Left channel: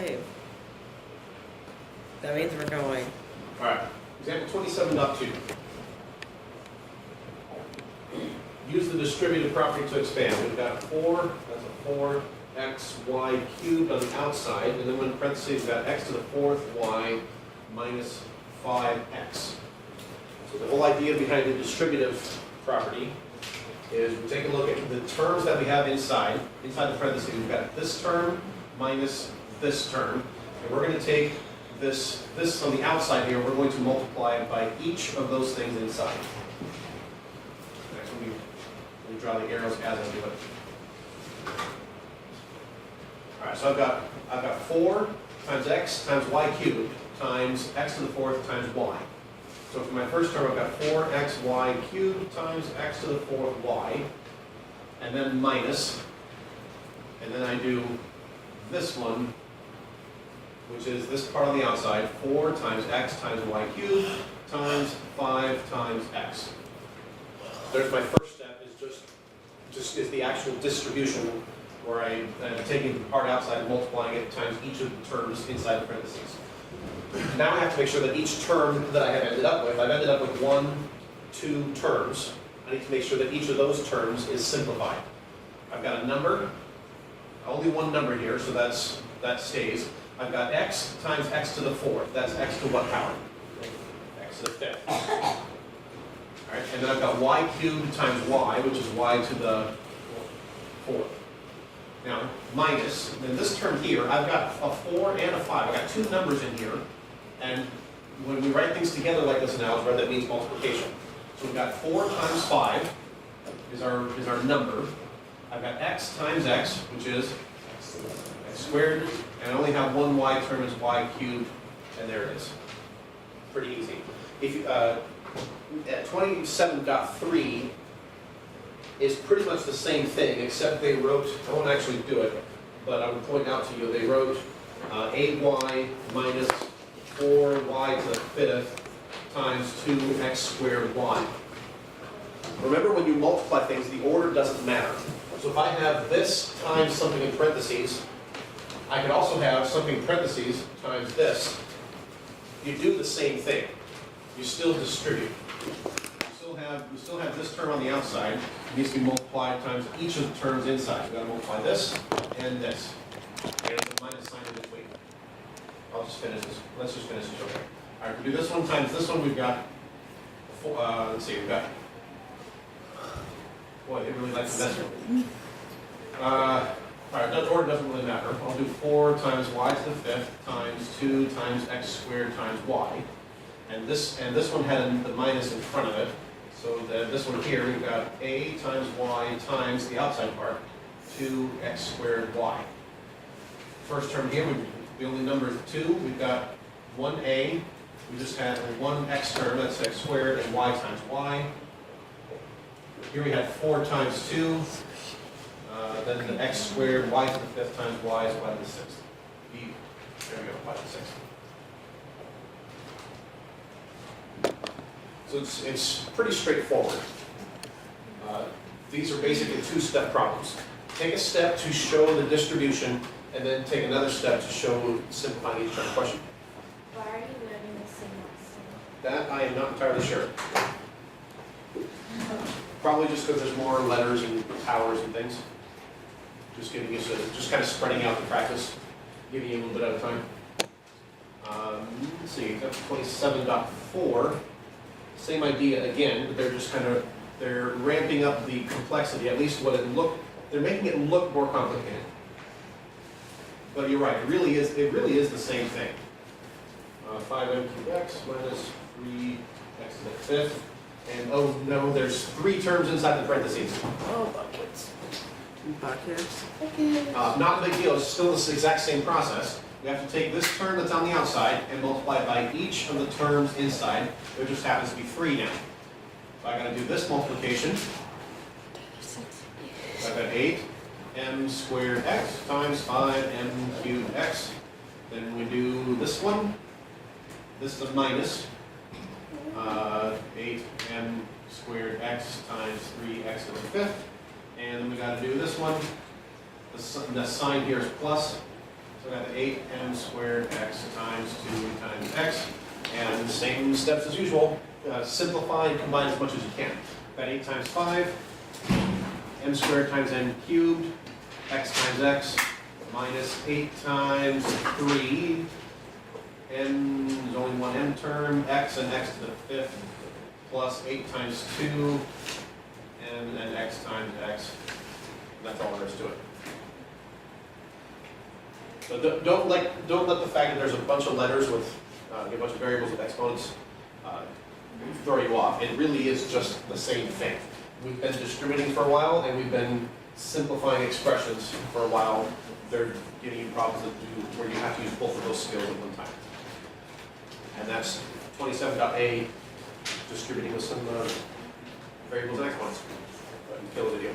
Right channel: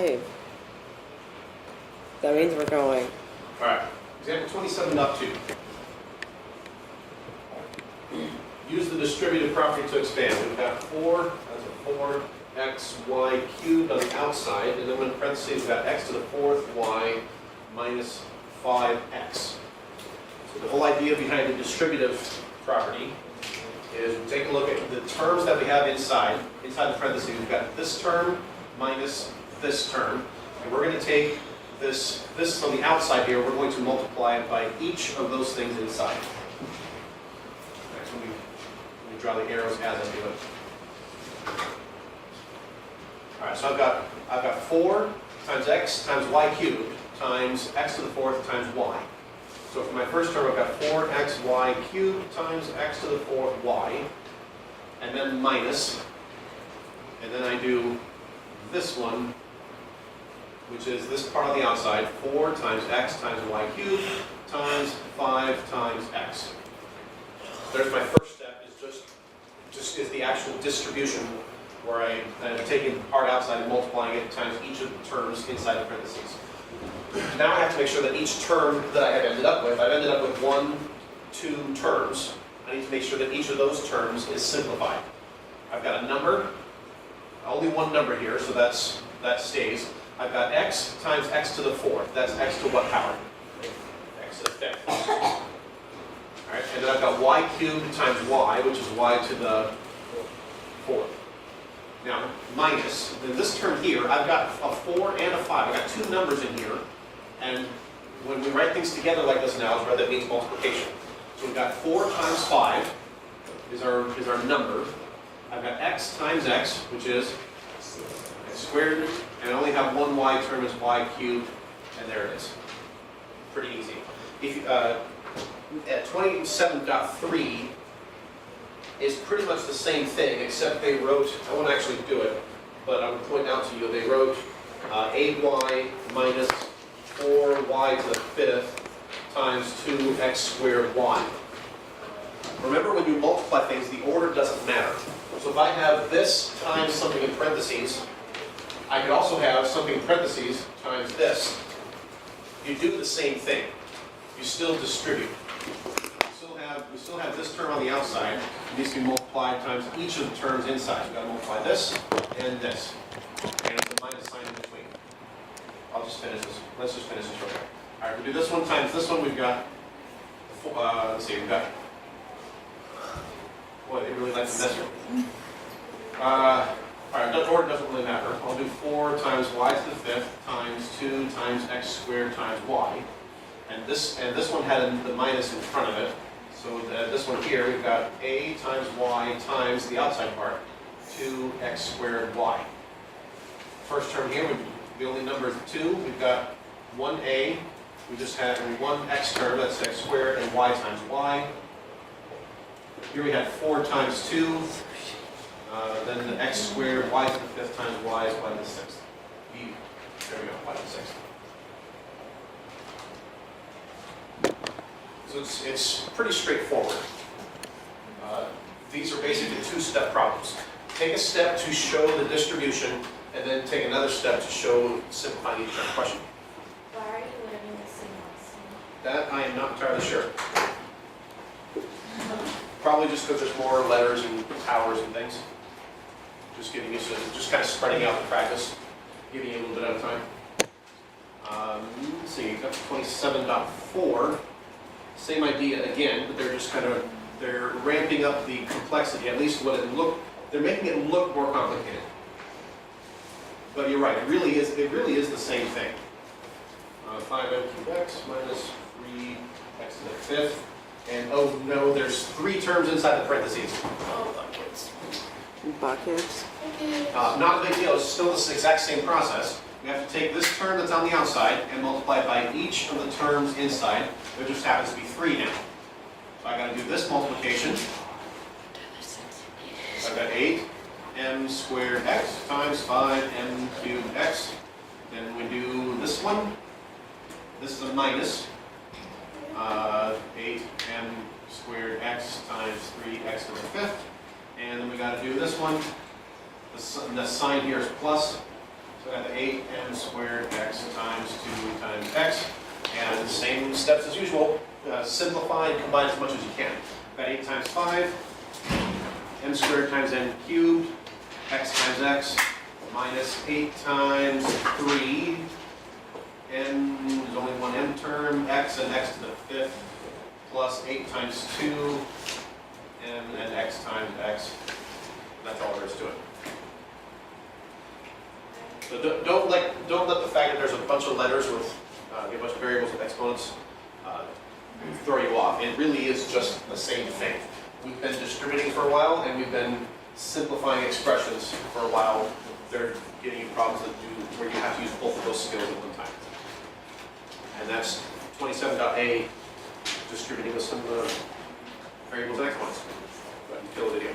5. That means we're going. Alright, example 27.2. Use the distributive property to expand. We've got 4, that's a 4xy cubed on the outside, and then in parentheses we've got x to the 4th y minus 5x. So the whole idea behind the distributive property is we take a look at the terms that we have inside the parentheses. We've got this term minus this term, and we're going to take this from the outside here, we're going to multiply it by each of those things inside. Next, let me draw the arrows as I do it. Alright, so I've got 4 times x times y cubed times x to the 4th times y. So for my first term, I've got 4xy cubed times x to the 4th y, and then minus, and then I do this one, which is this part on the outside, 4 times x times y cubed times 5 times x. There's my first step, is just is the actual distribution, where I'm taking the part outside and multiplying it times each of the terms inside the parentheses. Now I have to make sure that each term that I have ended up with, I've ended up with 2 terms. I need to make sure that each of those terms is simplified. I've got a number, only one number here, so that stays. I've got x times x to the 4th. That's x to what power? X to the 5th. Alright, and then I've got y cubed times y, which is y to the 4th. Now, minus, then this term here, I've got a 4 and a 5. I've got 2 numbers in here, and when we write things together like this in algebra, that means multiplication. So we've got 4 times 5 is our number. I've got x times x, which is x squared, and I only have one y term as y cubed, and there it is. Pretty easy. If you, at 27.3 is pretty much the same thing, except they wrote, I won't actually do it, but I would point out to you, they wrote 8y minus 4y to the 5th times 2x squared y. Remember, when you multiply things, the order doesn't matter. So if I have this times something in parentheses, I could also have something in parentheses times this. You do the same thing. You still distribute. We still have this term on the outside. It needs to be multiplied times each of the terms inside. So we've got to multiply this and this. And it's a minus sign in between. I'll just finish this. Let's just finish this real quick. Alright, to do this one times this one, we've got, let's see, we've got, boy, they really like to mess with me. Alright, the order doesn't really matter. I'll do 4 times y to the 5th times 2 times x squared times y. And this one had the minus in front of it. So this one here, we've got a times y times the outside part, 2x squared y. First term here, the only number is 2. We've got 1a. We just had one x term, that's x squared, and y times y. Here we had 4 times 2. Then the x squared, y to the 5th times y is y to the 6th. There we go, y to the 6th. So it's pretty straightforward. These are basically 2-step problems. Take a step to show the distribution, and then take another step to show simplifying each question. Why are you learning this in lesson? That I am not entirely sure. Probably just because there's more letters and towers and things. Just getting used to it. Just kind of spreading out the practice, giving you a little bit at a time. Let's see, that's 27.4. Same idea again, but they're ramping up the complexity, at least they're making it look more complicated. But you're right, it really is the same thing. 5m cubed x minus 3x to the 5th. And oh no, there's 3 terms inside the parentheses. Oh, buckets. Not a big deal, it's still the exact same process. We have to take this term that's on the outside and multiply it by each of the terms inside. There just happens to be 3 now. So I got to do this multiplication. So I got 8m squared x times 5m cubed x. Then we do this one. This is a minus 8m squared x times 3x to the 5th. And then we got to do this one. The sign here is plus. So I got 8m squared x times 2 times x. And same steps as usual. Simplify and combine as much as you can. Got 8 times 5, m squared times n cubed, x times x, minus 8 times 3, n is only one m term, x and x to the 5th, plus 8 times 2, m and x times x. That's all there is to it. So don't let the fact that there's a bunch of letters with a bunch of variables with exponents throw you off. It really is just the same thing. We've been distributing for a while, and we've been simplifying expressions for a while. They're giving you problems where you have to use both of those skills at one time. And that's 27.A, distributing with some variables and exponents. Kill the video.